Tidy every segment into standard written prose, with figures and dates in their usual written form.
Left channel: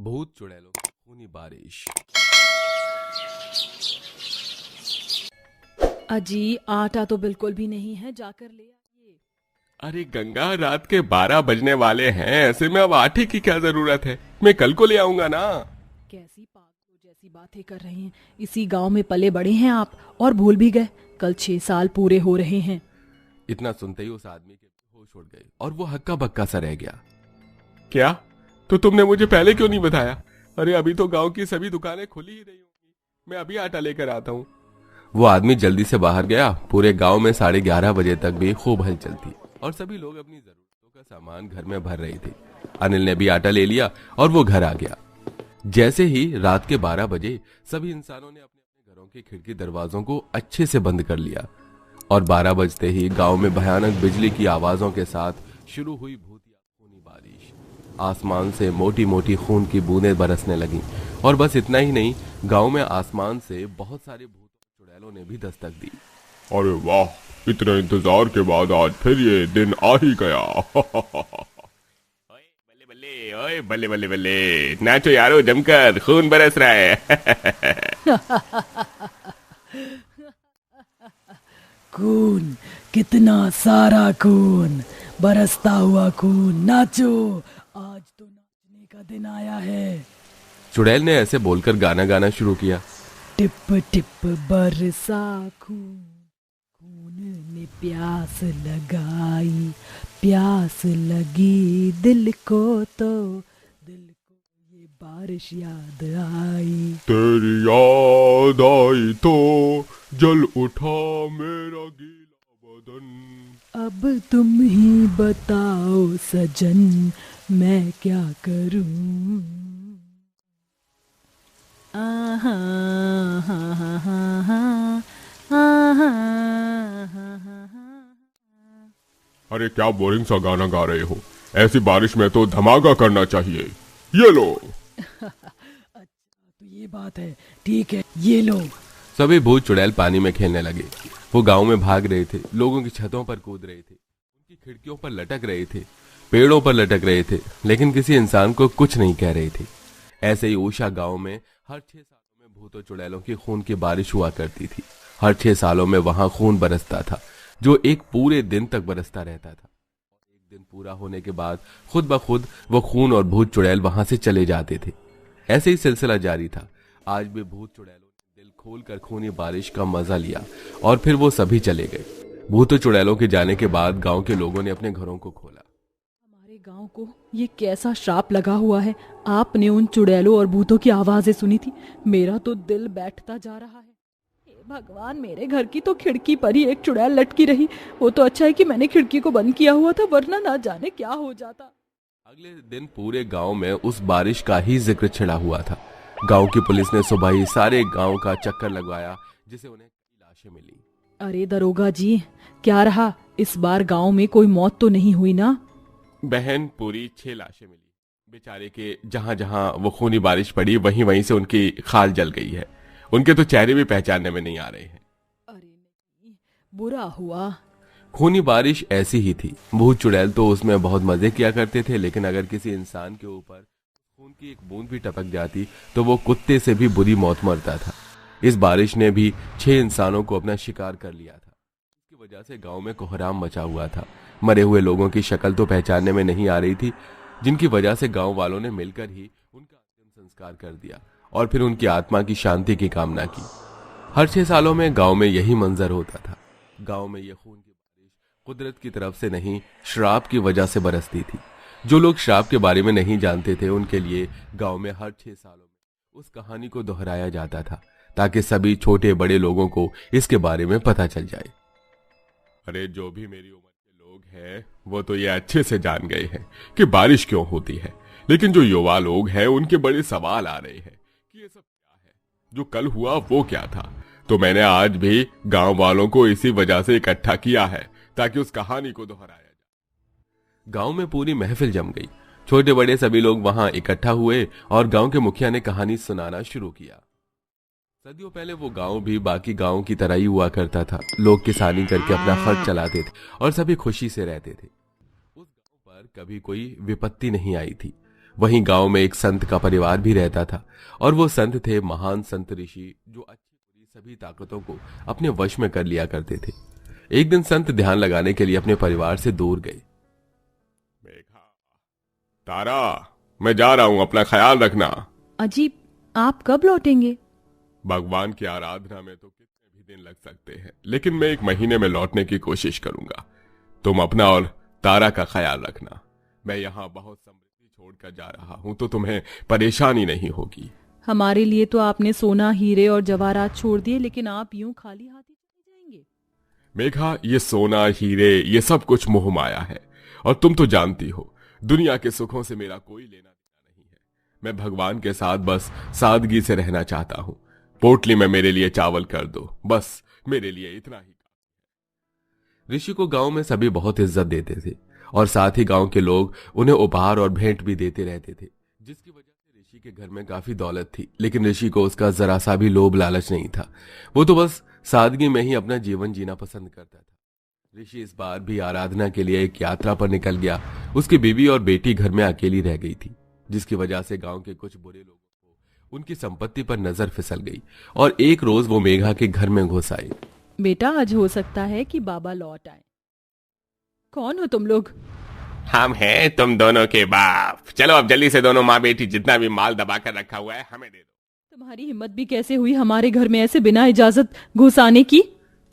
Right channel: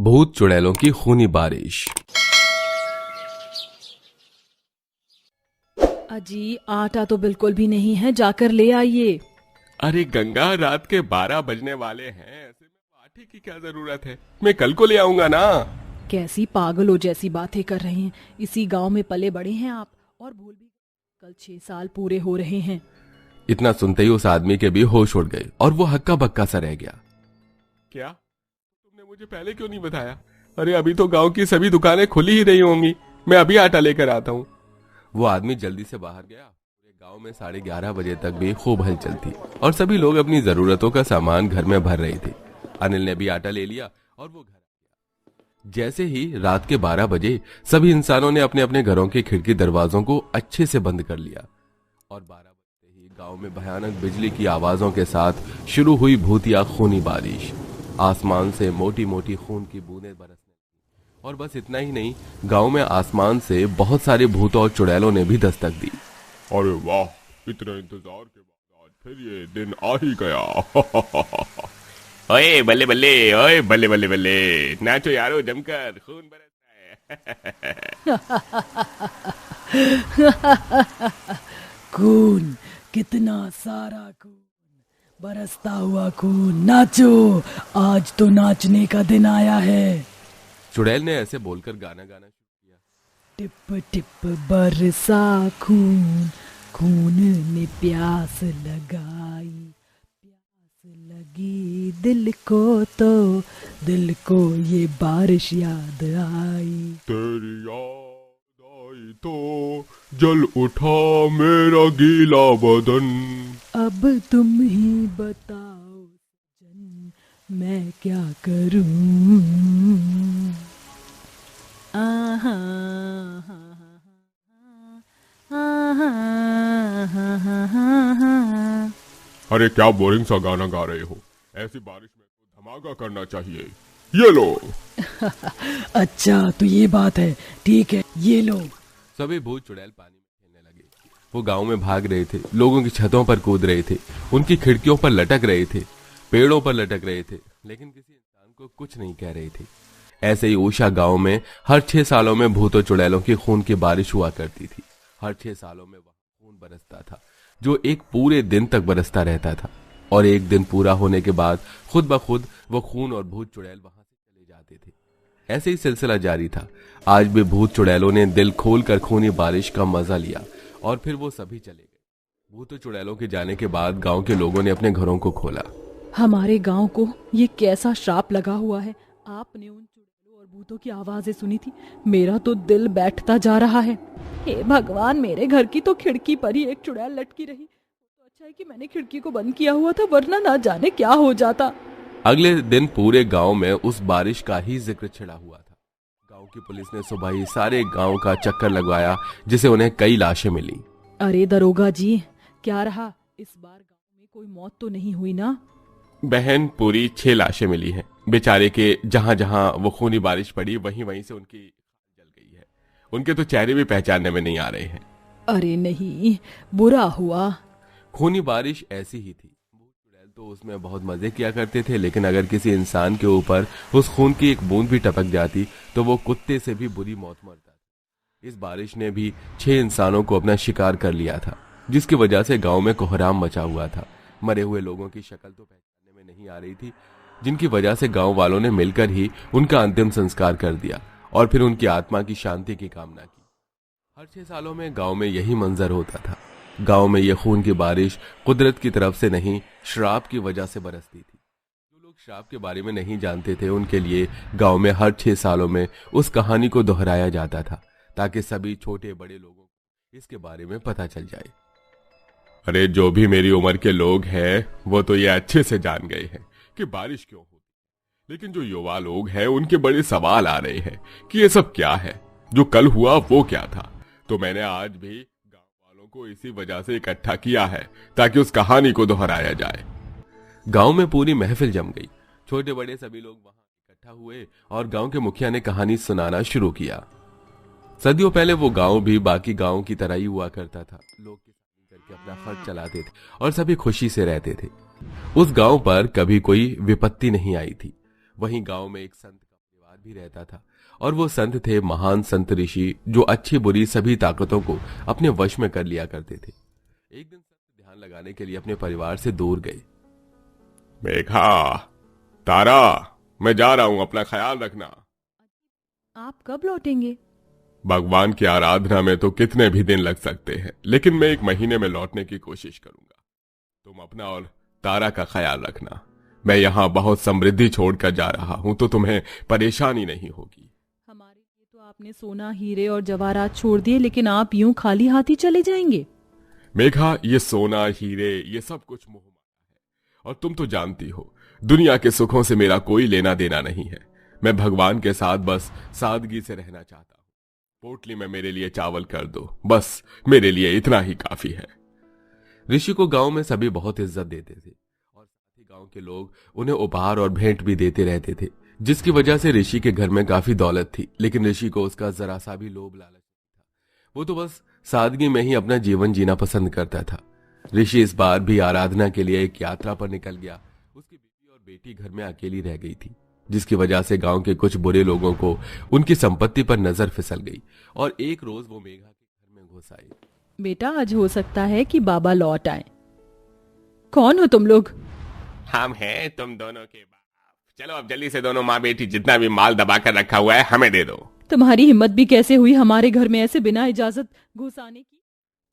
भूत चुड़ैलों की खूनी बारिश। अजी आटा तो बिल्कुल भी नहीं है, जाकर ले आइए। अरे गंगा, रात के 12 बजने वाले हैं, ऐसे में अब आटे की क्या जरूरत है? मैं कल को ले आऊंगा ना। कैसी पागलों जैसी बातें कर रहे हैं। इसी गांव में पले बड़े हैं आप और भूल भी गए, कल 6 साल पूरे हो रहे हैं। इतना सुनते ही उस आदमी के भी होश उड़ गए और वो हक्का बक्का सा रह गया। क्या? तो तुमने मुझे पहले क्यों नहीं बताया? अरे अभी तो गांव की सभी दुकानें खुली ही रही होंगी, मैं अभी आटा लेकर आता हूँ। वो आदमी जल्दी से बाहर गया। पूरे गांव में 11:30 बजे तक भी खूब हलचल थी और सभी लोग अपनी जरूरतों का सामान घर में भर रहे थे। अनिल ने भी आटा ले लिया और वो घर आ गया। जैसे ही रात के 12 बजे सभी इंसानों ने अपने अपने घरों के खिड़की दरवाजों को अच्छे से बंद कर लिया और 12 बजते ही गांव में भयानक बिजली की आवाजों के साथ शुरू हुई भूतिया खूनी बारिश। आसमान से मोटी मोटी खून की बूंदें बरसने लगीं और बस इतना ही नहीं, गांव में आसमान से बहुत सारे भूतों और चुड़ैलों ने भी दस्तक दी। अरे वाह, इतने इंतजार के बाद आज फिर ये दिन आ ही गया। ओए बल्ले बल्ले, ओए बल्ले बल्ले बल्ले, नाचो यारो जमकर, खून बरस रहा है। खून, कितना सारा खून, बरसता हुआ खून। नाचो, आज तो नाचने का दिन आया है। चुड़ैल ने ऐसे बोलकर गाना गाना शुरू किया। टिप टिप बरसा खून, खून ने प्यास लगाई, प्यास लगी दिल को तो दिल को ये बारिश याद आई। तेरी याद आई तो जल उठा मेरा गीला बदन। अब तुम ही बताओ सजन, मैं क्या करूं। आहा हा हा हा हा, आहा हा हा हा। अरे क्या बोरिंग सा गाना गा रहे हो? ऐसी बारिश में तो धमाका करना चाहिए। ये लो। अच्छा तो ये बात है, ठीक है ये लो। सभी भूत चुड़ैल पानी में खेलने लगे। वो गांव में भाग रहे थे, लोगों की छतों पर कूद रहे थे, उनकी खिड़कियों पर लटक रहे थे, पेड़ों पर लटक रहे थे, लेकिन किसी इंसान को कुछ नहीं कह रहे थे। ऐसे ही ऊषा गांव में हर 6 सालों में भूतों चुड़ैलों की खून की बारिश हुआ करती थी। हर 6 सालों में वहां खून बरसता था, जो एक पूरे दिन तक बरसता रहता था और एक दिन पूरा होने के बाद खुद ब खुद वो खून और भूत चुड़ैल वहां से चले जाते थे। ऐसे ही सिलसिला जारी था। आज भी भूत चुड़ैलों ने दिल खोलकर खूनी बारिश का मजा लिया और फिर वो सभी चले गए। भूतों चुड़ैलों के जाने के बाद गांव के लोगों ने अपने घरों को खोला। हमारे गांव को ये कैसा श्राप लगा हुआ है। आपने उन चुड़ैलों और भूतों की आवाजें सुनी थी, मेरा तो दिल बैठता जा रहा है। हे भगवान, मेरे घर की तो खिड़की पर ही एक चुड़ैल लटकी रही। वो तो अच्छा है कि मैंने खिड़की को बंद किया हुआ था, वरना ना जाने क्या हो जाता। अगले दिन पूरे गांव में उस बारिश का ही जिक्र छिड़ा हुआ था। गांव की पुलिस ने सुबह ही सारे गांव का चक्कर लगवाया, जिसे उन्हें कई लाशें मिली। अरे दरोगा जी, क्या रहा, इस बार गांव में कोई मौत तो नहीं हुई ना? बहन, पूरी 6 लाशें मिली हैं। बेचारे के जहां जहां वो खूनी बारिश पड़ी वहीं वहीं से उनकी खाल जल गई है। उनके तो चेहरे भी पहचानने में नहीं आ रहे हैं। अरे नहीं, बुरा हुआ। खूनी बारिश ऐसी ही थी। भूत चुड़ैल तो उसमें बहुत मजे किया करते थे, लेकिन अगर किसी इंसान के ऊपर उस खून की एक बूंद भी टपक जाती तो वो कुत्ते से भी बुरी मौत मरता था। इस बारिश ने भी 6 इंसानों को अपना शिकार कर लिया था, जिसकी वजह से गांव में कोहराम मचा हुआ था। मरे हुए लोगों की शक्ल तो पहचानने में नहीं आ रही थी, जिनकी वजह से गांव वालों ने मिलकर ही उनका अंतिम संस्कार कर दिया और फिर उनकी आत्मा की शांति की कामना की। हर 6 सालों में गांव में यही मंजर होता था। गांव में यह खून की बारिश कुदरत की तरफ से नहीं, श्राप की वजह से बरसती थी। जो लोग श्राप के बारे में नहीं जानते थे, उनके लिए गांव में हर 6 सालों में उस कहानी को दोहराया जाता था, ताकि सभी छोटे बड़े लोगों को इसके बारे में पता चल जाए। अरे जो भी मेरी उम्र के लोग हैं वो तो ये अच्छे से जान गए हैं कि बारिश क्यों होती है, लेकिन जो युवा लोग हैं उनके बड़े सवाल आ रहे हैं कि ये सब क्या है, जो कल हुआ वो क्या था। तो मैंने आज भी गांव वालों को इसी वजह से इकट्ठा किया है, ताकि उस कहानी को दोहराया जाए। गांव में पूरी महफिल जम गई। छोटे बड़े सभी लोग वहां इकट्ठा हुए और गांव के मुखिया ने कहानी सुनाना शुरू किया। सदियों पहले वो गांव भी बाकी गांव की तरह ही हुआ करता था। लोग किसानी करके अपना खर्च चलाते थे और सभी खुशी से रहते थे। उस गांव पर कभी कोई विपत्ति नहीं आई थी। वहीं गांव में एक संत का परिवार भी रहता था और वो संत थे महान संत ऋषि, जो अच्छी बुरी सभी ताकतों को अपने वश में कर लिया करते थे। एक दिन संत ध्यान लगाने के लिए अपने परिवार से दूर गए। मेघा, तारा, मैं जा रहा हूं, अपना ख्याल रखना। अजी, आप कब लौटेंगे? भगवान की आराधना में तो कितने भी दिन लग सकते हैं, लेकिन मैं 1 महीने में लौटने की कोशिश करूंगा। तुम अपना और तारा का ख्याल रखना। मैं यहाँ बहुत समृद्धि छोड़कर जा रहा हूं, तो तुम्हें परेशानी नहीं होगी। हमारे लिए तो आपने सोना, हीरे और जवाहरात छोड़ दिए, लेकिन आप यूं खाली हाथ ही चले जाएंगे? मेघा, ये सोना हीरे ये सब कुछ मोह माया है, और तुम तो जानती हो दुनिया के सुखों से मेरा कोई लेना देना नहीं है। मैं भगवान के साथ बस सादगी से रहना चाहता हूं। पोटली में मेरे लिए चावल कर दो, बस मेरे लिए इतना ही काफी है। ऋषि को गांव में सभी बहुत इज्जत देते थे और साथ ही गांव के लोग उन्हें उपहार और भेंट भी देते रहते थे, जिसकी वजह से ऋषि के घर में काफी दौलत थी। लेकिन ऋषि को उसका जरा सा भी लोभ लालच नहीं था। वो तो बस सादगी में ही अपना जीवन जीना पसंद करता था। ऋषि इस बार भी आराधना के लिए एक यात्रा पर निकल गया। उसकी बीवी और बेटी घर में अकेली रह गई थी, जिसकी वजह से गांव के कुछ बुरे लोगों को उनकी संपत्ति पर नजर फिसल गई और एक रोज वो मेघा के घर में घुस आए। बेटा, आज हो सकता है कि बाबा लौट आए। कौन हो तुम लोग? हम हैं तुम दोनों के बाप। चलो अब जल्दी से दोनों माँ बेटी जितना भी माल दबा कर रखा हुआ है हमें दे दो। तुम्हारी हिम्मत भी कैसे हुई हमारे घर में ऐसे बिना इजाजत घुस आने की?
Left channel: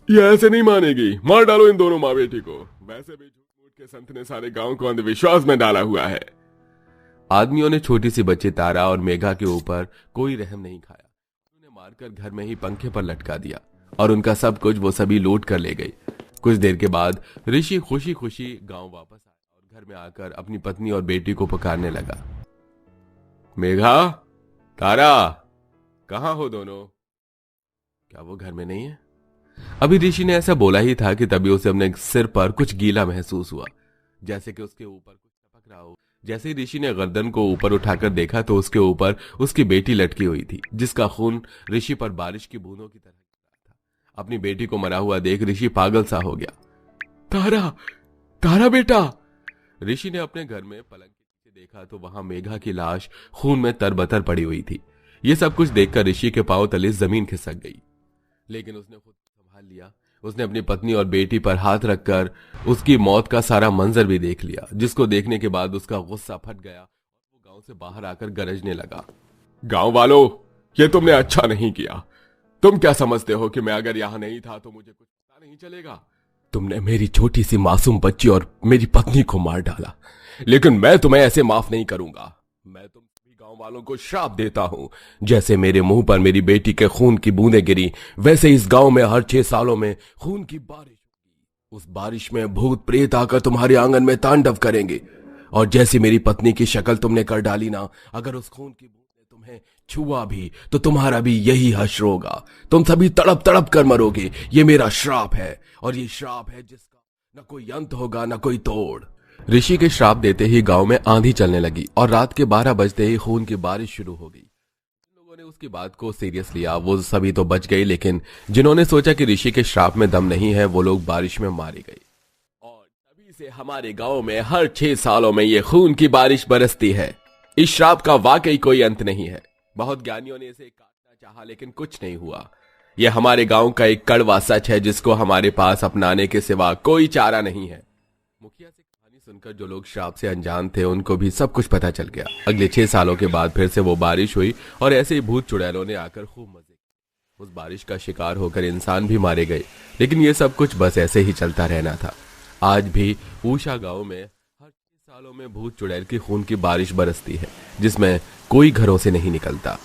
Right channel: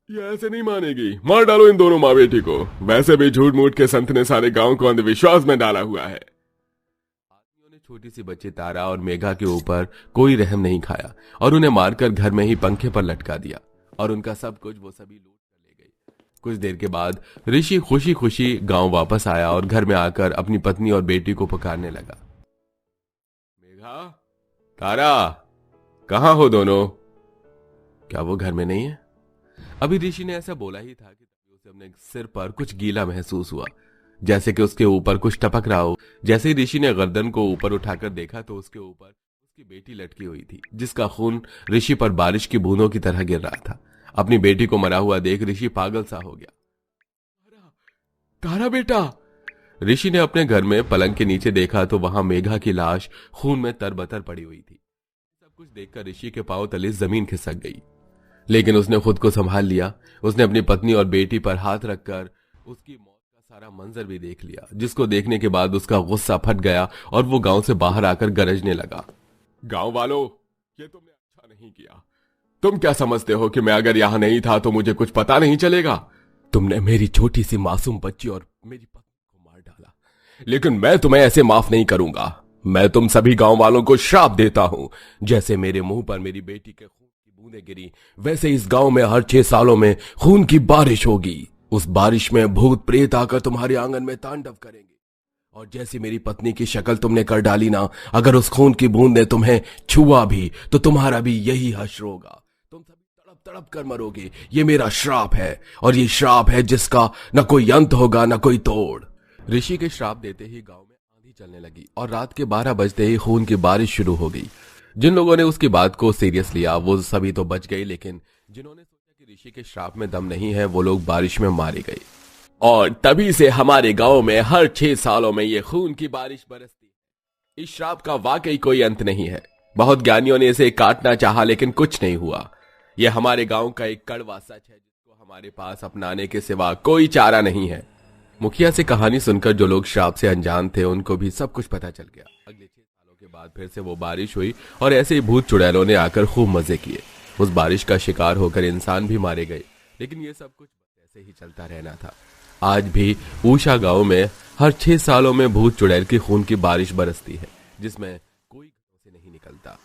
ये ऐसे नहीं मानेगी, मार डालो इन दोनों माँ बेटी को। वैसे भी झूठ मूठ के संत ने सारे गांव को अंधविश्वास में डाला हुआ है। आदमियों ने छोटी सी बच्ची तारा और मेघा के ऊपर कोई रहम नहीं खाया और उन्हें मारकर घर में ही पंखे पर लटका दिया और उनका सब कुछ वो सभी लूट कर ले गई। कुछ देर के बाद ऋषि खुशी खुशी गांव वापस आया और घर में आकर अपनी पत्नी और बेटी को पुकारने लगा। मेघा, तारा, कहां हो दोनों? क्या वो घर में नहीं है? अभी ऋषि ने ऐसा बोला ही था कि तभी उसे अपने सिर पर कुछ गीला महसूस हुआ, जैसे कि उसके ऊपर कुछ टपक रहा हो। जैसे ही ऋषि ने गर्दन को ऊपर उठाकर देखा तो उसके ऊपर उसकी बेटी लटकी हुई थी, जिसका खून ऋषि पर बारिश की बूंदों की तरह गिर रहा था। अपनी बेटी को मरा हुआ देख ऋषि पागल सा हो गया। तारा, तारा बेटा! ऋषि ने अपने घर में पलंग के नीचे देखा तो वहां मेघा की लाश खून में तरबतर पड़ी हुई थी। ये सब कुछ देखकर ऋषि के पांव तले जमीन खिसक गई, लेकिन उसने खुद को संभाल लिया। उसने अपनी पत्नी और बेटी पर हाथ रखकर उसकी मौत का सारा मंजर भी देख लिया, जिसको देखने के बाद उसका गुस्सा फट गया और वो गांव से बाहर आकर गरजने लगा। गांव वालों, ये तुमने अच्छा नहीं किया। तुम क्या समझते हो कि मैं अगर यहां नहीं था तो मुझे कुछ पता नहीं चलेगा? तुमने मेरी छोटी सी मासूम बच्ची और मेरी पत्नी को मार डाला, लेकिन मैं तुम्हें ऐसे माफ नहीं करूंगा। मैं तुम सभी गांव वालों को श्राप देता हूं। जैसे मेरे मुंह पर मेरी बेटी के खून की बूंदें गिरी, वैसे इस गांव में हर 6 सालों में खून की बारिश होगी। उस बारिश में भूत प्रेत आकर तुम्हारे आंगन में तांडव करेंगे, और जैसी मेरी पत्नी की शक्ल तुमने कर डाली ना, अगर उस खून की बूंद ने तुम्हें छुआ भी तो तुम्हारा भी यही हश्र होगा। तुम सभी तड़प तड़प कर मरोगे। ये मेरा श्राप है, और ये श्राप है जिसका न कोई अंत होगा न कोई तोड़। ऋषि के श्राप देते ही गांव में आंधी चलने लगी और रात के 12 बजते ही खून की बारिश शुरू हो गई। जिन लोगों ने उसकी बात को सीरियस लिया वो सभी तो बच गए, लेकिन जिन्होंने सोचा कि ऋषि के श्राप में दम नहीं है वो लोग बारिश में मारे गए। और तभी से हमारे गांव में हर 6 सालों में ये खून की बारिश बरसती है। इस श्राप का वाकई कोई अंत नहीं है। बहुत ज्ञानियों ने इसे काटना चाहा, लेकिन कुछ नहीं हुआ। यह हमारे गांव का एक कड़वा सच है, जिसको हमारे पास अपनाने के सिवा कोई चारा नहीं है। मुखिया से कहानी सुनकर जो लोग श्राप से अनजान थे उनको भी सब कुछ पता चल गया। अगले 6 सालों के बाद फिर से वो बारिश हुई और ऐसे ही भूत चुड़ैलों ने आकर खूब मजे किए। उस बारिश का शिकार होकर इंसान भी मारे गए, लेकिन ये सब कुछ बस ऐसे ही चलता रहना था। आज भी ऊषा गांव में हर 6 सालों में भूत चुड़ैल की खून की बारिश बरसती है, जिसमें कोई घरों से नहीं निकलता।